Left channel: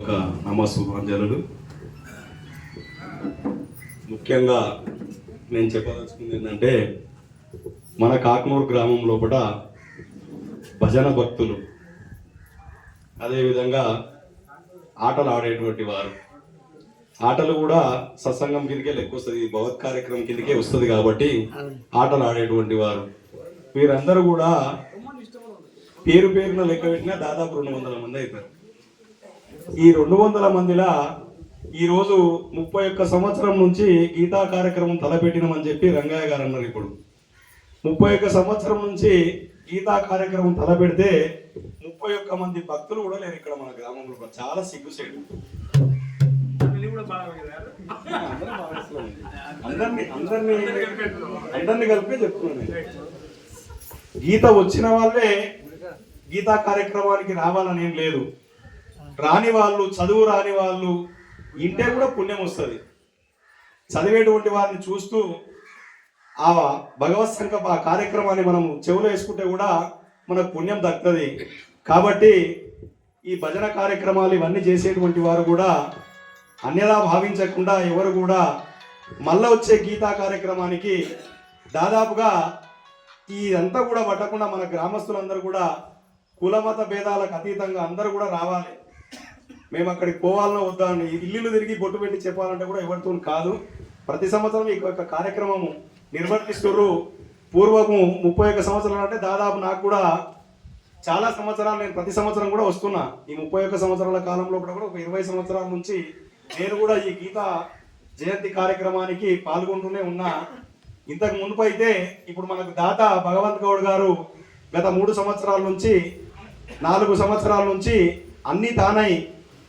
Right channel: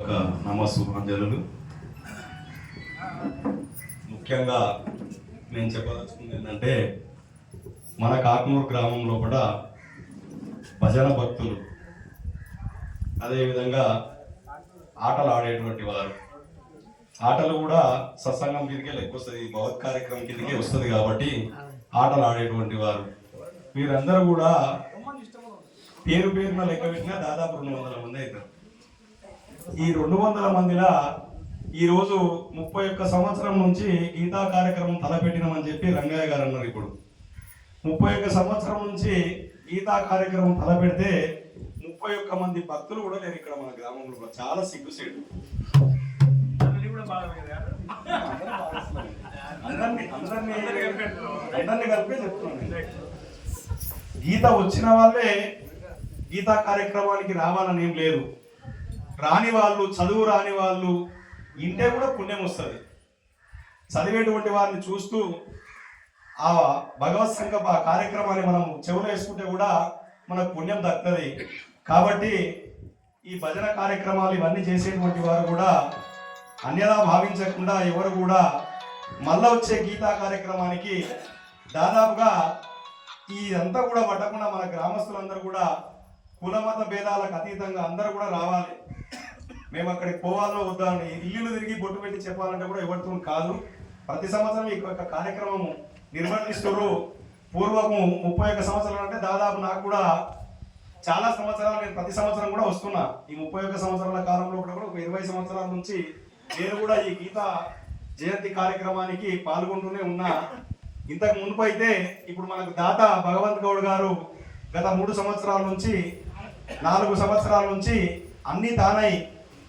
ఒక ముఖ్యంగా నేను చెప్పదలుచుకుంది ఏంటంటే మన కాకనూరు గ్రామం లోపల భజన భక్తులు అదేవిధంగా ఆటలు ఆడేటువంటి వారు. ఆటలు కూడా సత్సంగం కిందకే లెక్క వస్తుంది భగవత్ కార్యక్రమం కిందకే వస్తుంది కాబట్టి ఆటలు ఆడేటువంటి వారు. వీరందరూ కూడా పేరు పేరున లెక్క పెట్టినా దాదాపు రెండు వందల మంది అవుతారు. ఈ రెండు వందల మందిలా ఈరోజు ముప్పై ఒక్క సంవత్సరం నుంచి గీతా కార్యక్రమం తలపెట్టినామని చెప్పి రంగయ్య గారు అన్నారు ఇప్పుడు. ముప్పై ఒక్క సంవత్సరం నుంచి గీతా కార్యక్రమం తలపెడితే ముప్పై ఒక్క మంది భక్తులు కూడా లేరు ఇక్కడ మన గ్రామంలో. చాలా సిగ్గుసేటు అందరినీ అందరినీ కలిపి చెప్తున్నాను నేను. గీత వచ్చిన వాళ్ళే గీతా కార్యక్రమానికి రావాలని ఏం లేదు. రాని వాళ్ళు చదువు రాని వాళ్ళు ఇంటే కూడా పుణ్యం వస్తుంది. చదివేటువంటి వారిని చూస్తూ ఆ భగవత్ సంకల్ప ఆ కార్యక్రమాన్ని మనం చెవులో వేసుకుంటే కూడా మనకు పుణ్యం దక్కుతుంది. కాబట్టి ఈ భజన కార్యక్రమాలు ఇవన్నీ చేసేటువంటి వారు కూడా అన్యదా భావించకుండా ఎవరు కూడా మళ్ళా వచ్చే గీతా కార్యక్రమానికి దాదాపుగా ఇదంతా కూడా పట్టకుండా మన గ్రామస్తులందరూ కూడా కులమత భేదాలకు అతీతంగా అందరూ కూడా రావాలి. మేము అక్కడికి పోవాలనో వద్దా అని ఇల్లు తిరిగి బొట్టు పెట్టి చెప్పాలంటే కూడా ఎవరితో కాదు. ప్రతి సంవత్సరం ఈ యొక్క కార్యక్రమం నిర్వర్తిస్తున్నారు. పూర్వము ముప్పై ఒక్క సంవత్సరాలు అంటే దాదాపు నాకు కూడా చాలా సంవత్సరాలు నేను ప్రతి సంవత్సరం కూడా వస్తున్నా. ఈ ముప్పై ఒక్క సంవత్సరాల కాలంలో కూడా ఒక ఇరవై సంవత్సరాల నుంచి నేను కూడా ఈ గీత జయంతి కార్యక్రమానికి పాల్గొంటూనే ఉన్నా. ఇంతకు మునుపు అయితే ఇప్పుడు మనకు దాత భగవంత్ గౌడ్ గారు గత మూడు సంవత్సరాల నుంచి నాలుగు సంవత్సరాల నుంచి అన్నీ తానై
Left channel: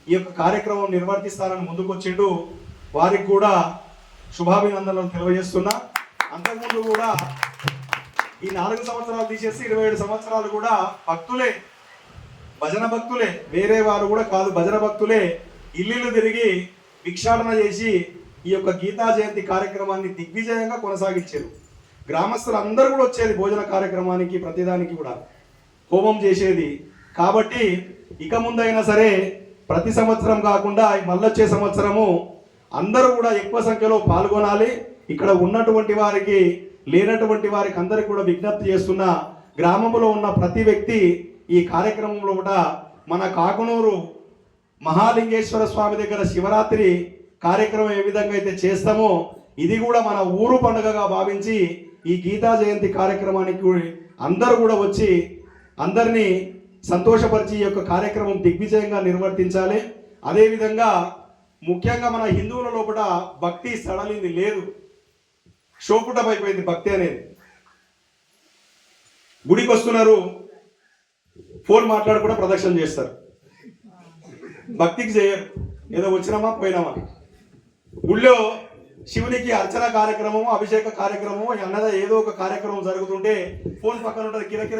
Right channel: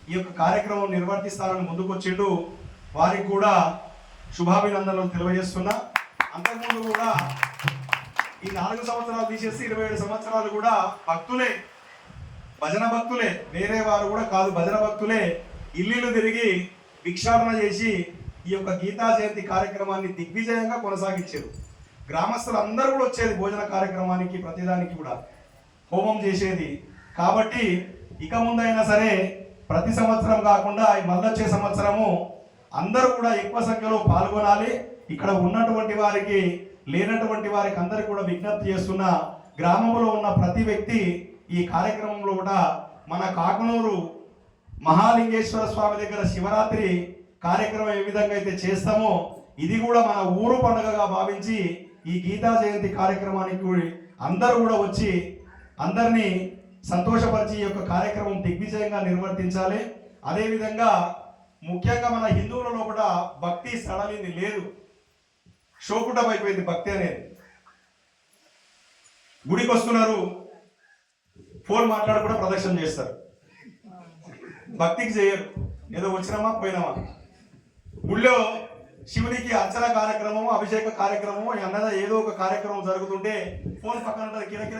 ఈ యొక్క కార్యక్రమం నిర్వర్తిస్తారని ముందుకు వచ్చిండు వారికి కూడా శుభాభినందనలు తెలియజేస్తున్నా. అంతకుముందు కూడా ఈ నాలుగు సంవత్సరాలు తీసేసి ఇరవై ఏడు సంవత్సరాలు కూడా భక్తులే భజన భక్తులే. వేరే వారు కూడా కాదు భజన భక్తులే. ఇల్లు తిరిగి భిక్షాటన చేసి ఈ యొక్క గీతా జయంతి కార్యక్రమాన్ని దిగ్విజయంగా కొనసాగించారు. గ్రామస్తులు అందరూ కూడా వచ్చేది భోజన కార్యక్రమానికి ప్రతిదానికి కూడా. హోమం చేసేది. కాబట్టి ఇక ముందైనా సరే ప్రతి సంవత్సరం కాకుండా మళ్ళొచ్చే సంవత్సరము అందరూ కూడా ఎక్కువ సంఖ్యలో పాల్గొనాలి. ఇక్కడ ఉన్నటువంటి వారికి లేనటువంటి వారికి అందరికి కూడా విజ్ఞప్తి చేస్తున్న గ్రామంలో ఉన్న ప్రతి వ్యక్తి ఈ కార్యక్రమంలో కూడా మన కాకునూరు మహాలింగేశ్వర స్వామి దగ్గర శివరాత్రి కార్యక్రమం ఏ విధంగా అయితే చేస్తామో ఇది కూడా మన ఊరు పండుగగా భావించి ఈ గీతా జయంతి కార్యక్రమానికి అందరూ కూడా వచ్చి అందరినీ సంతోషపరిచి ఈ యొక్క కార్యక్రమం దిగ్విజయంగా నిర్వర్తించాలి. అదేవిధంగా ముఖ్యంగా మన హిందువుల లోపల భక్తి సడలింది లేదు. షోకుటమైపోయింది భక్తి అనేది. గుడికి వస్తున్నారు ఫోన్ మాట్లాడి కూడా ప్రదక్షిణ చేస్తారు. భక్తికి చేయరు ఏదో వచ్చినామా పోయినామా? గుళ్ళో శివునికి అర్చన కార్యక్రమము అభిషేక కార్యక్రమము అన్నదా ఏదో ఒక కార్యక్రమం జరుగుతుంటే ఫోన్ పక్కన ఉంటుంది కిర అంటే